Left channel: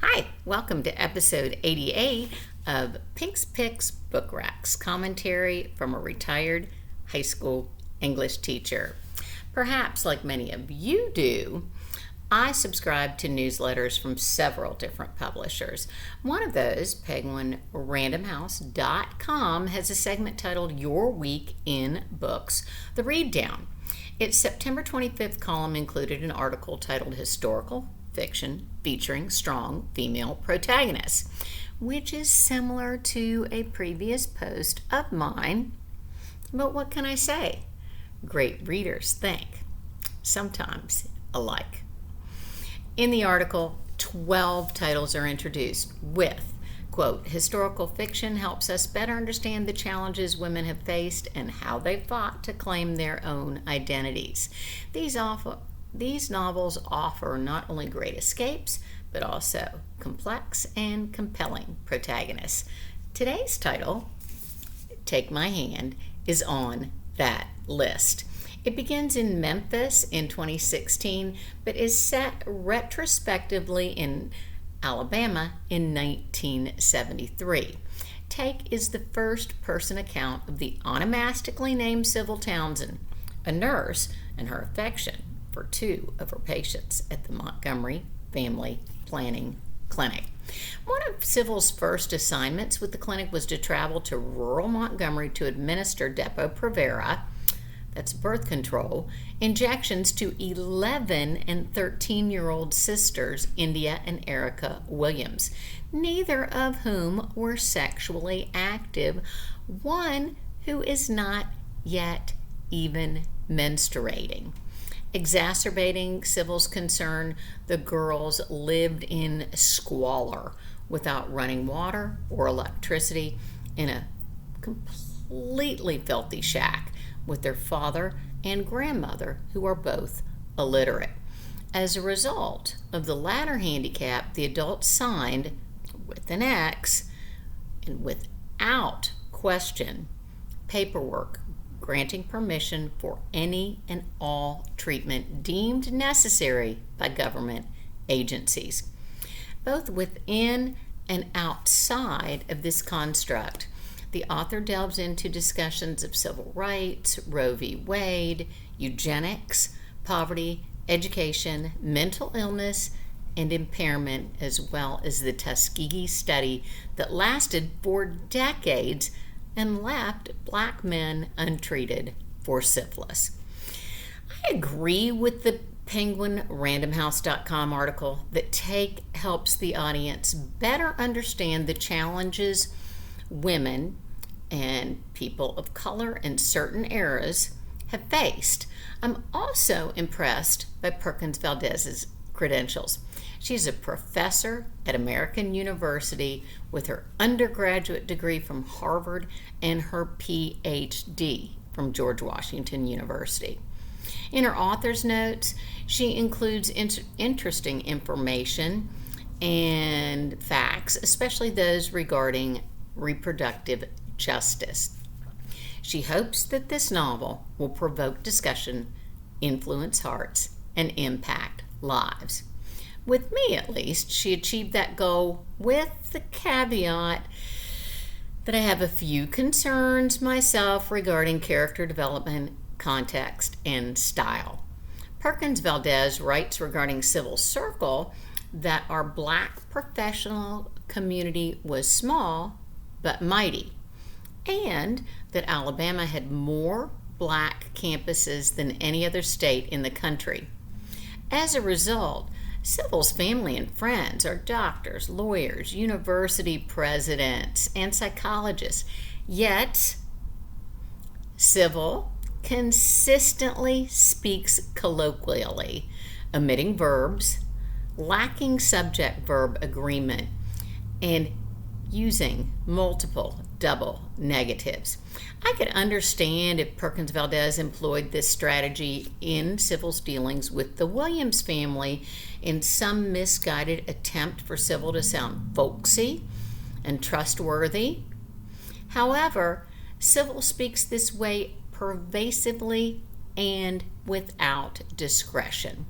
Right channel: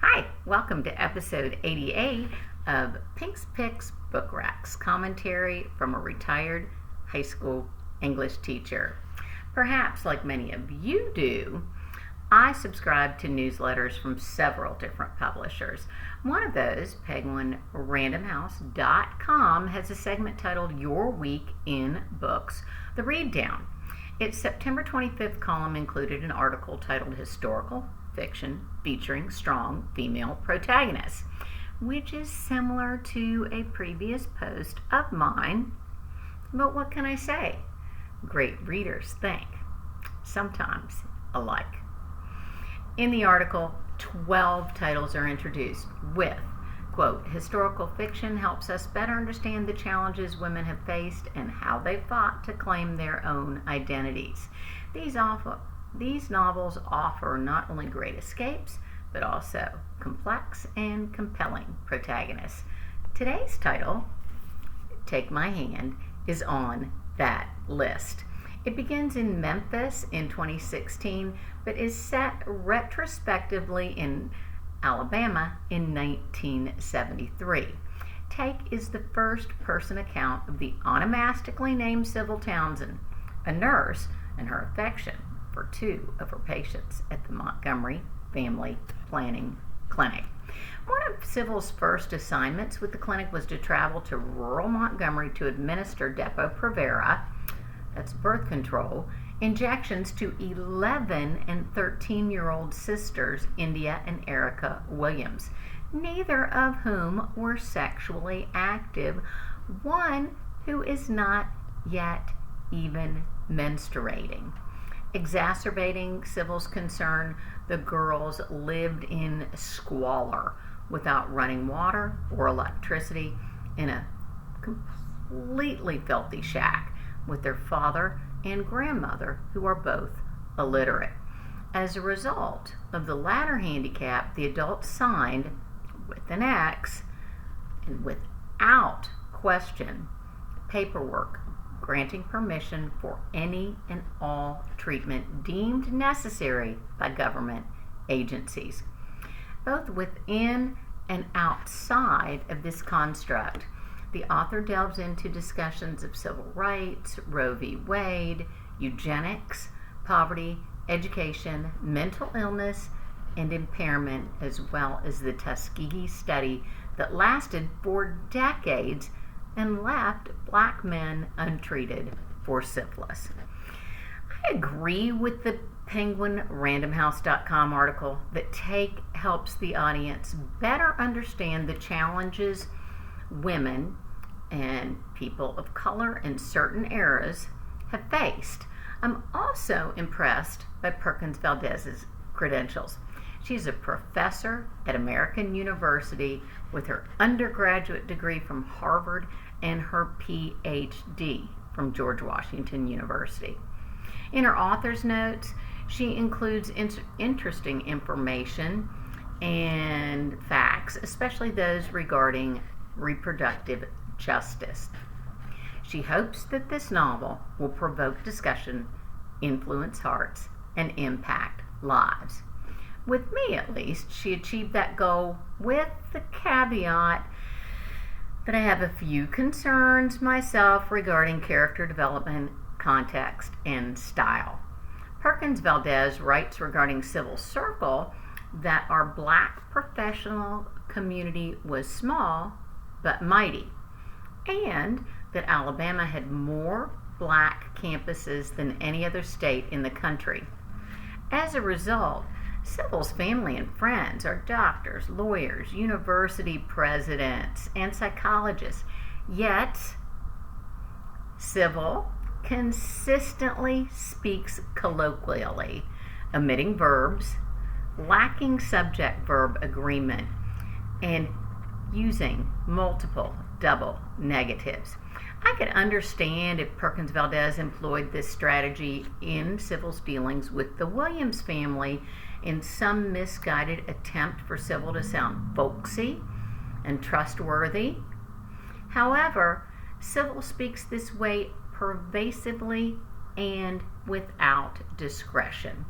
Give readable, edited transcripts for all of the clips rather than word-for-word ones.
Hi, welcome to episode 88 of Pink's Picks Book Racks, commentary from a retired high school English teacher. Perhaps, like many of you do, I subscribe to newsletters from several different publishers. One of those, PenguinRandomHouse.com, has a segment titled Your Week in Books, the Read Down. Its September 25th column included an article titled Historical Fiction featuring strong female protagonists, which is similar to a previous post of mine. But what can I say? Great readers think sometimes alike. In the article, 12 titles are introduced with, quote, historical fiction helps us better understand the challenges women have faced and how they fought to claim their own identities. These novels offer not only great escapes, but also complex and compelling protagonists. Today's title, Take My Hand, is on that list. It begins in Memphis in 2016, but is set retrospectively in Alabama in 1973. Take is the first-person account of the onomastically-named Civil Townsend, a nurse, and her affection for two of her patients at the Montgomery Family Planning Clinic. One of Civil's first assignments with the clinic was to travel to rural Montgomery to administer Depo-Provera, that's birth control, injections to 11 and 13-year-old sisters, India and Erica Williams, neither of whom were sexually active, one who is not yet even menstruating. Exacerbating Civil's concern, the girls lived in squalor without running water or electricity in a completely filthy shack with their father and grandmother, who are both illiterate. As a result of the latter handicap, the adults signed, with an X, and without question, paperwork granting permission for any and all treatment deemed necessary by government agencies. Both within and outside of this construct, the author delves into discussions of civil rights, Roe v. Wade, eugenics, poverty, education, mental illness, and impairment, as well as the Tuskegee study that lasted for decades and left black men untreated for syphilis. I agree with the PenguinRandomHouse.com article that Take helps the audience better understand the challenges women and people of color in certain eras have faced. I'm also impressed by Perkins Valdez's credentials. She's a professor at American University with her undergraduate degree from Harvard and her PhD from George Washington University. In her author's notes, she includes interesting information and facts, especially those regarding reproductive justice. She hopes that this novel will provoke discussion, influence hearts, and impact lives. With me, at least, she achieved that goal with the caveat that I have a few concerns myself regarding character development, context, and style. Perkins Valdez writes regarding Civil Circle that our black professional community was small but mighty, and that Alabama had more black campuses than any other state in the country. As a result, Civil's family and friends are doctors, lawyers, university presidents, and psychologists. Yet, Civil consistently speaks colloquially, omitting verbs, lacking subject-verb agreement, and using multiple double negatives. I could understand if Perkins Valdez employed this strategy in Civil's dealings with the Williams family in some misguided attempt for Civil to sound folksy and trustworthy. However, Civil speaks this way pervasively and without discretion.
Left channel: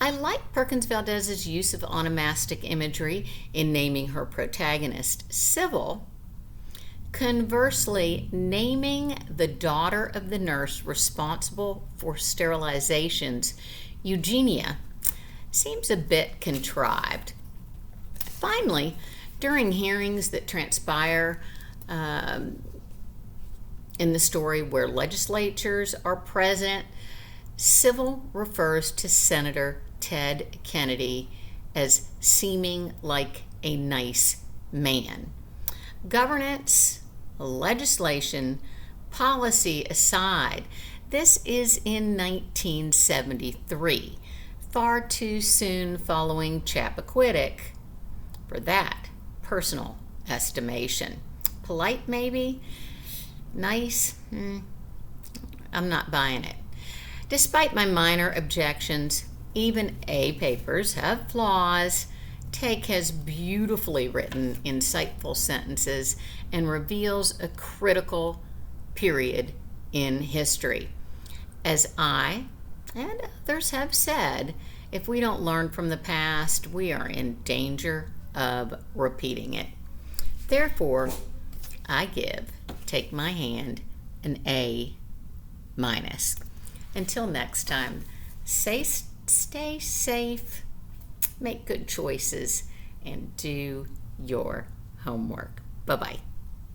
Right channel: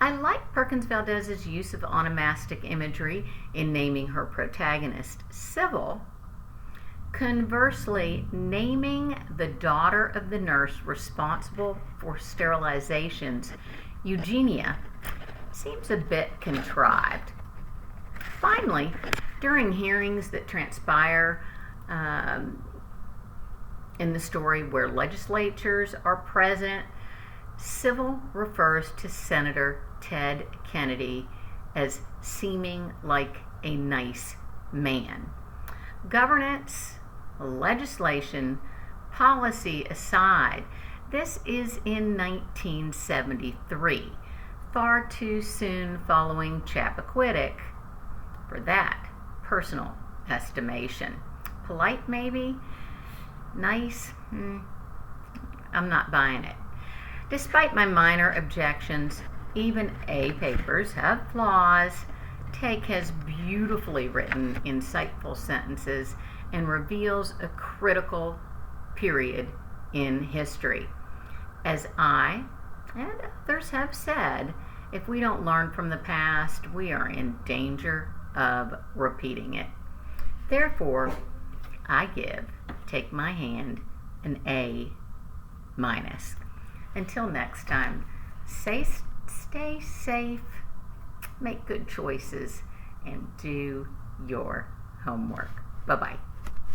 I like Perkins Valdez's use of onomastic imagery in naming her protagonist, Civil. Conversely, naming the daughter of the nurse responsible for sterilizations, Eugenia, seems a bit contrived. Finally, during hearings that transpire in the story where legislatures are present, Civil refers to Senator Ted Kennedy as seeming like a nice man. Governance, legislation, policy aside, this is in 1973, far too soon following Chappaquiddick for that personal estimation. Polite, maybe? Nice? I'm not buying it. Despite my minor objections, even A papers have flaws. Take has beautifully written, insightful sentences and reveals a critical period in history. As I and others have said, if we don't learn from the past, we are in danger of repeating it. Therefore, I give Take My Hand an A-. Until next time, stay safe, make good choices, and do your homework. Bye-bye.